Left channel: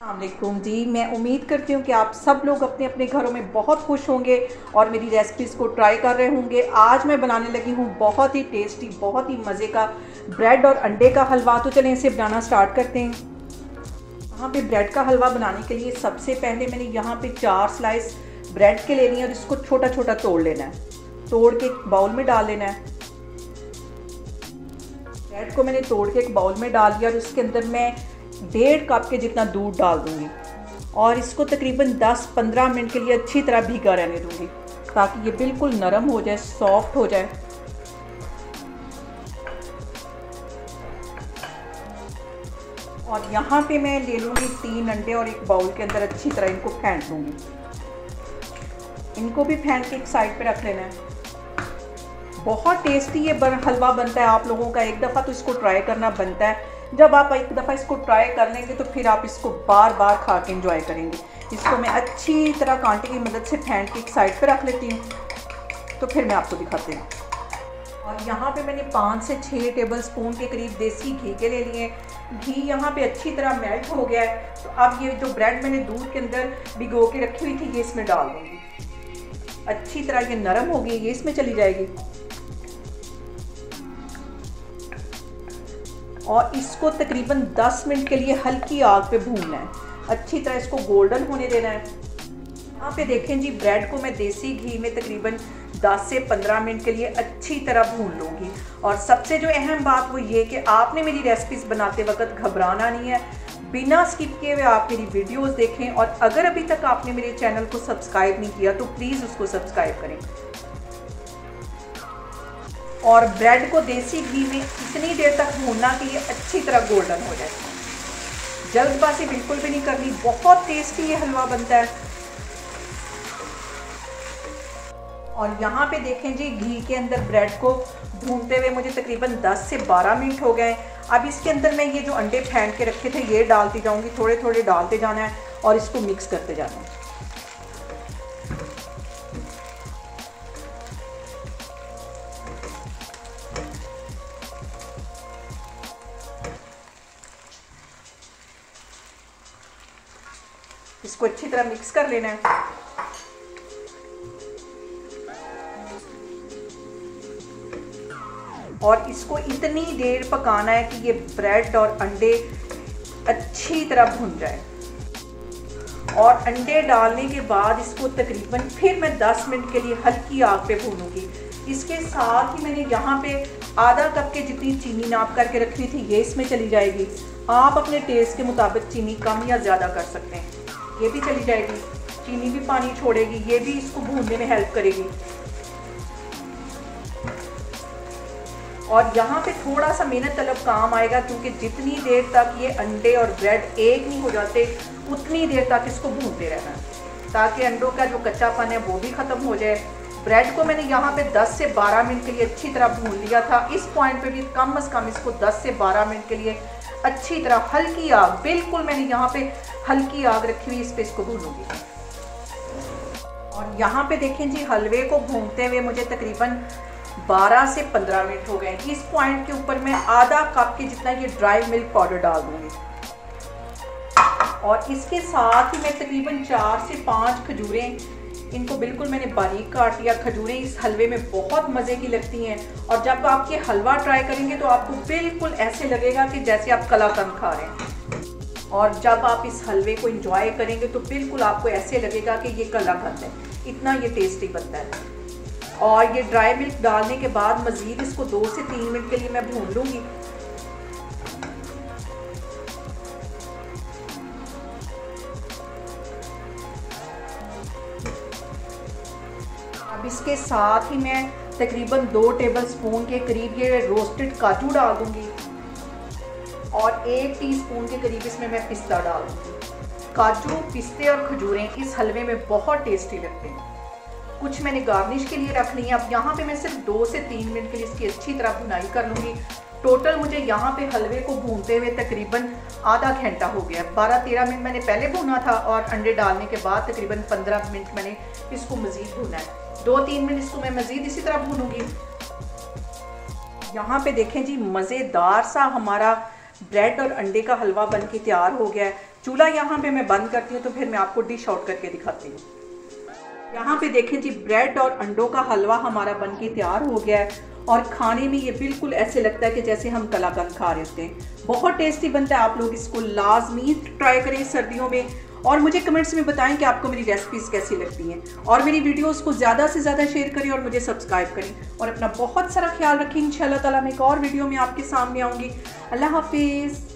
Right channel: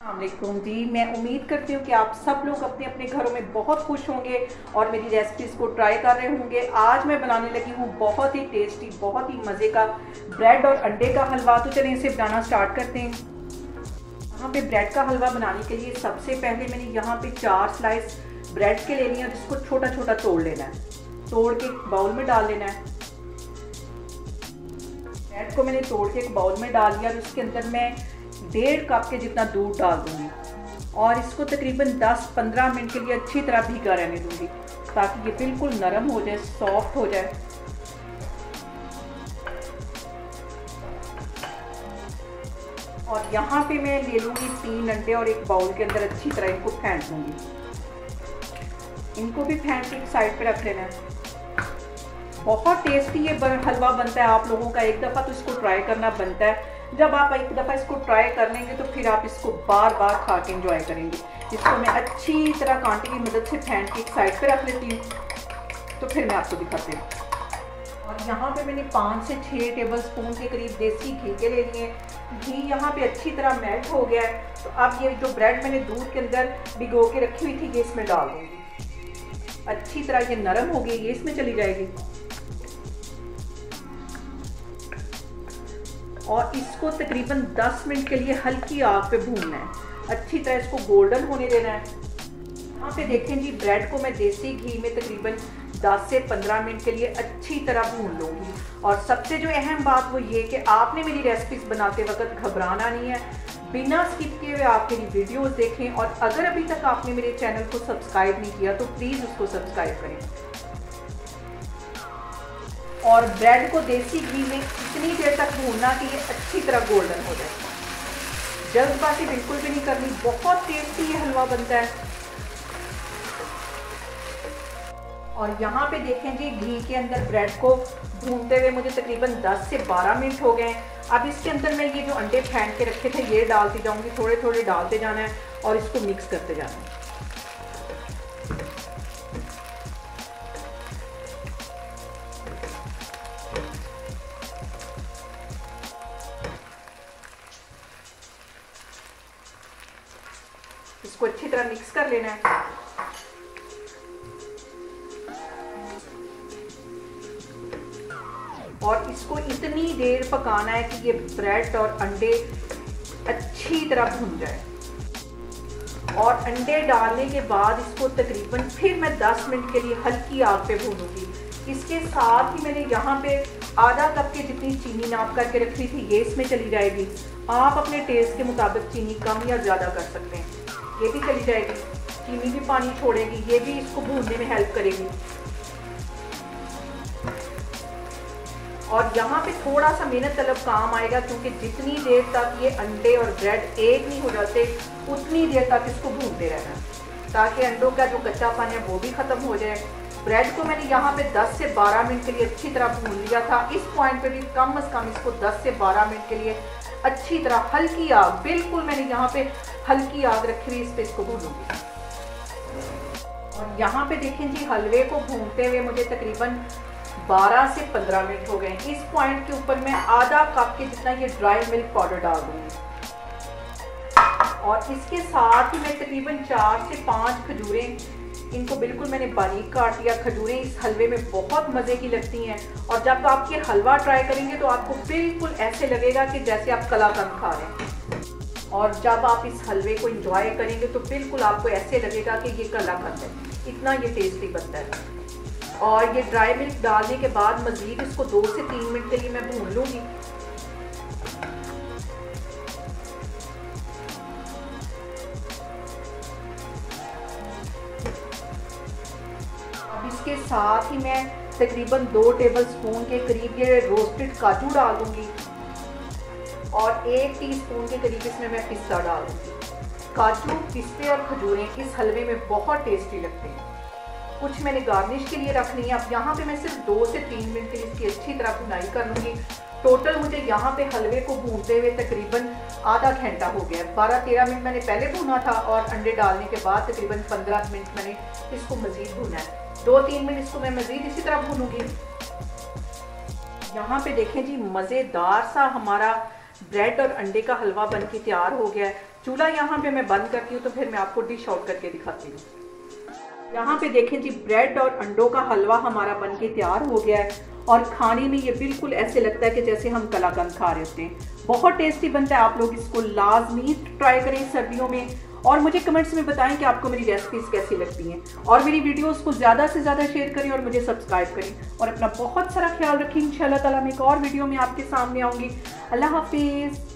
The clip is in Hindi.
अस्सलामुअलैकुम जी। मैं उम्मीद करती हूँ कि आप सब लोग अपने अपने घरों में बहुत खुश होंगे और मेरी रेसिपीज़ को ट्राई कर रहे होंगे। आज मैं बनाने लगी हूँ बहुत ही टेस्टी, बहुत ही मज़े का ब्रेड और अंडे का हलवा। तो चलें इसे बनाना स्टार्ट करते हैं। यहाँ पे ब्रेड का हलवा बनाने के लिए सबसे पहले मैंने यहाँ पे 4 स्लाइस ब्रेड के लेनी है और इसको छोटा छोटा तोड़ लेना है। तोड़ के एक बाउल में डाल लेना है। ब्रेड को मैंने तोड़ के एक बाउल में डाल दिया और उसके अंदर मैं 1.5 कप के जितना दूध डाल दूंगी और इसको तकरीबन 10-15 मिनट के लिए अच्छी तरह भीगा रहने दूंगी ताकि ये बिल्कुल नरम हो जाए, सॉफ्ट हो जाए। और यहाँ पे मैं ले लूँगी 3 अंडे और एक बाउल के अंदर अच्छी तरह इनको फेंट दूंगी। इनको भी फेंट के एक साइड पे रख लेना है। बहुत टेस्टी ये हलवा बनता है। आप लोगों का एक दफ़ा तो इसको ट्राई करना बनता है। जब आप एक दफ़ा इसको ट्राई कर लेंगे तो फिर आप इसको बार बार खा के इंजॉय करेंगे। इसको मैं अच्छी तरह कांटे की मदद से फेंट के एक साइड पे रख लेती हूँ, तो फिर मैं आपको दिखाती हूँ। और यहाँ पे मैंने 5 से 6 टेबल स्पून के करीब देसी घी के ले लिए। घी यहाँ पे अच्छी तरह मेल्ट हो गया है। तो अब ये जो ब्रेड मैंने दूध के अंदर भिगो के रखी हुई थी ये इसमें डाल दूँगी। अच्छी तरह ये नरम हो गई, ये इसमें चली जाएगी। और इसको तकरीबन 10 मिनट के लिए हल्की आग पे भूनना है। अच्छी तरह इसको गोल्डन होने देना है। यहाँ पे देखें जी, ब्रेड को मैं देसी घी में तकरीबन 10 से 15 मिनट के लिए अच्छी तरह भून लूँगी। और सबसे जो अहम बात वो ये कि आपने मेरी रेसिपीज बनाते वक्त घबराना नहीं है। बिना स्किप किए हुए आप मेरी वीडियोस देखें और अगर अभी तक आपने मेरे चैनल को सब्सक्राइब नहीं किया तो प्लीज़ उसको सब्सक्राइब करें। और ब्रेड को देसी घी में इतनी देर तक भूनना कि ये अच्छी तरह गोल्डन हो जाए। जल्दबाजी बिल्कुल भी नहीं करनी, बहुत टेस्टी ये हलवा बनता है। और यहाँ पे देखें जी, घी के अंदर ब्रेड को भूनते हुए मुझे तकरीबन 10 से 12 मिनट हो गए। अब इसके अंदर मैं ये जो अंडे फेंट के रखे थे ये डालती जाऊंगी। थोड़े थोड़े डालते जाना है और इसको मिक्स करते जाना है। इसको अच्छी तरह मिक्स कर लेना है। और इसको इतनी देर पकाना है कि ये ब्रेड और अंडे अच्छी तरह भुन जाए। और अंडे डालने के बाद इसको तकरीबन फिर मैं 10 मिनट के लिए हल्की आग पे भूनूंगी। इसके साथ ही मैंने यहाँ पे आधा कप के जितनी चीनी नाप करके रखी थी ये इसमें चली जाएगी। आप अपने टेस्ट के मुताबिक चीनी कम या ज़्यादा कर सकते हैं, ये भी चली जाएगी। चीनी भी पानी छोड़ेगी, ये भी इसको भूनने में हेल्प करेगी। और यहाँ पे थोड़ा सा मेहनत तलब काम आएगा क्योंकि जितनी देर तक ये अंडे और ब्रेड एक नहीं हो जाते उतनी देर तक इसको भूनते रहना है ताकि अंडों का जो कच्चापन है वो भी ख़त्म हो जाए। ब्रेड को मैंने यहाँ पे 10 से 12 मिनट के लिए अच्छी तरह भून लिया था। इस पॉइंट पे भी कम से कम इसको 10 से 12 मिनट के लिए अच्छी तरह हल्की आग, बिल्कुल मैंने यहाँ पे हल्की आग रखी हुई, इस पे इसको भूनूंगी। और यहाँ पे देखें जी, हलवे को भूनते हुए मुझे तकरीबन 12 से 15 मिनट हो गए। इस पॉइंट के ऊपर मैं आधा कप के जितना ये ड्राई मिल्क पाउडर डाल दूंगी। और इसके साथ ही मैं तकरीबन 4 से 5 खजूरें, इनको बिल्कुल मैंने बारीक काट लिया। खजूरें इस हलवे में बहुत मज़े की लगती हैं और जब आप ये हलवा ट्राई करेंगे तो आपको बिल्कुल ऐसे लगेगा कि जैसे आप कलाकंद खा रहे हैं। और जब आप इस हलवे को एंजॉय करेंगे तो बिल्कुल आपको ऐसे लगेगा कि ये कलाकंद है, इतना ये टेस्टी बनता है। और ये ड्राई मिल्क डालने के बाद मज़ीद इसको 2 से 3 मिनट के लिए मैं भून लूँगी। अब इसके साथ ही मैं तकरीबन 2 टेबल स्पून के करीब ये रोस्टेड काजू डाल दूंगी और 1 टीस्पून के करीब इसमें मैं पिस्ता डाल दूंगी। काजू, पिस्ते और खजूरें इस हलवे में बहुत टेस्टी लगते हैं। कुछ मैंने गार्निश के लिए रख ली है। अब यहाँ पे मैं सिर्फ 2 से 3 मिनट के लिए इसकी अच्छी तरह भुनाई कर लूँगी। टोटल मुझे यहाँ पे हलवे को भूनते हुए तकरीबन आधा घंटा हो गया। 12-13 मिनट मैंने पहले भूना था और अंडे डालने के बाद तकरीबन 15 मिनट मैंने इसको मज़ीद भूना है। 2-3 मिनट इसको मैं मज़ीद इसी तरह भूनूंगी। यहाँ पे देखें जी, मज़ेदार सा हमारा ब्रेड और अंडे का हलवा बनके तैयार हो गया है। चूल्हा यहाँ पे मैं बंद करती हूँ, तो फिर मैं आपको डिश आउट करके दिखाती हूँ। यहाँ पे देखें जी, ब्रेड और अंडों का हलवा हमारा बनके तैयार हो गया है और खाने में ये बिल्कुल ऐसे लगता है कि जैसे हम कलाकंद खा रहे होते हैं। बहुत टेस्टी बनता है, आप लोग इसको लाजमी ट्राई करें सर्दियों में और मुझे कमेंट्स में बताएं कि आपको मेरी रेसिपीज़ कैसी लगती हैं और मेरी वीडियोस को ज़्यादा से ज़्यादा शेयर करें और मुझे सब्सक्राइब करें और अपना बहुत सारा ख्याल रखें। इंशाल्लाह ताला मैं एक और वीडियो में आपके सामने आऊँगी। अल्लाह हाफिज़।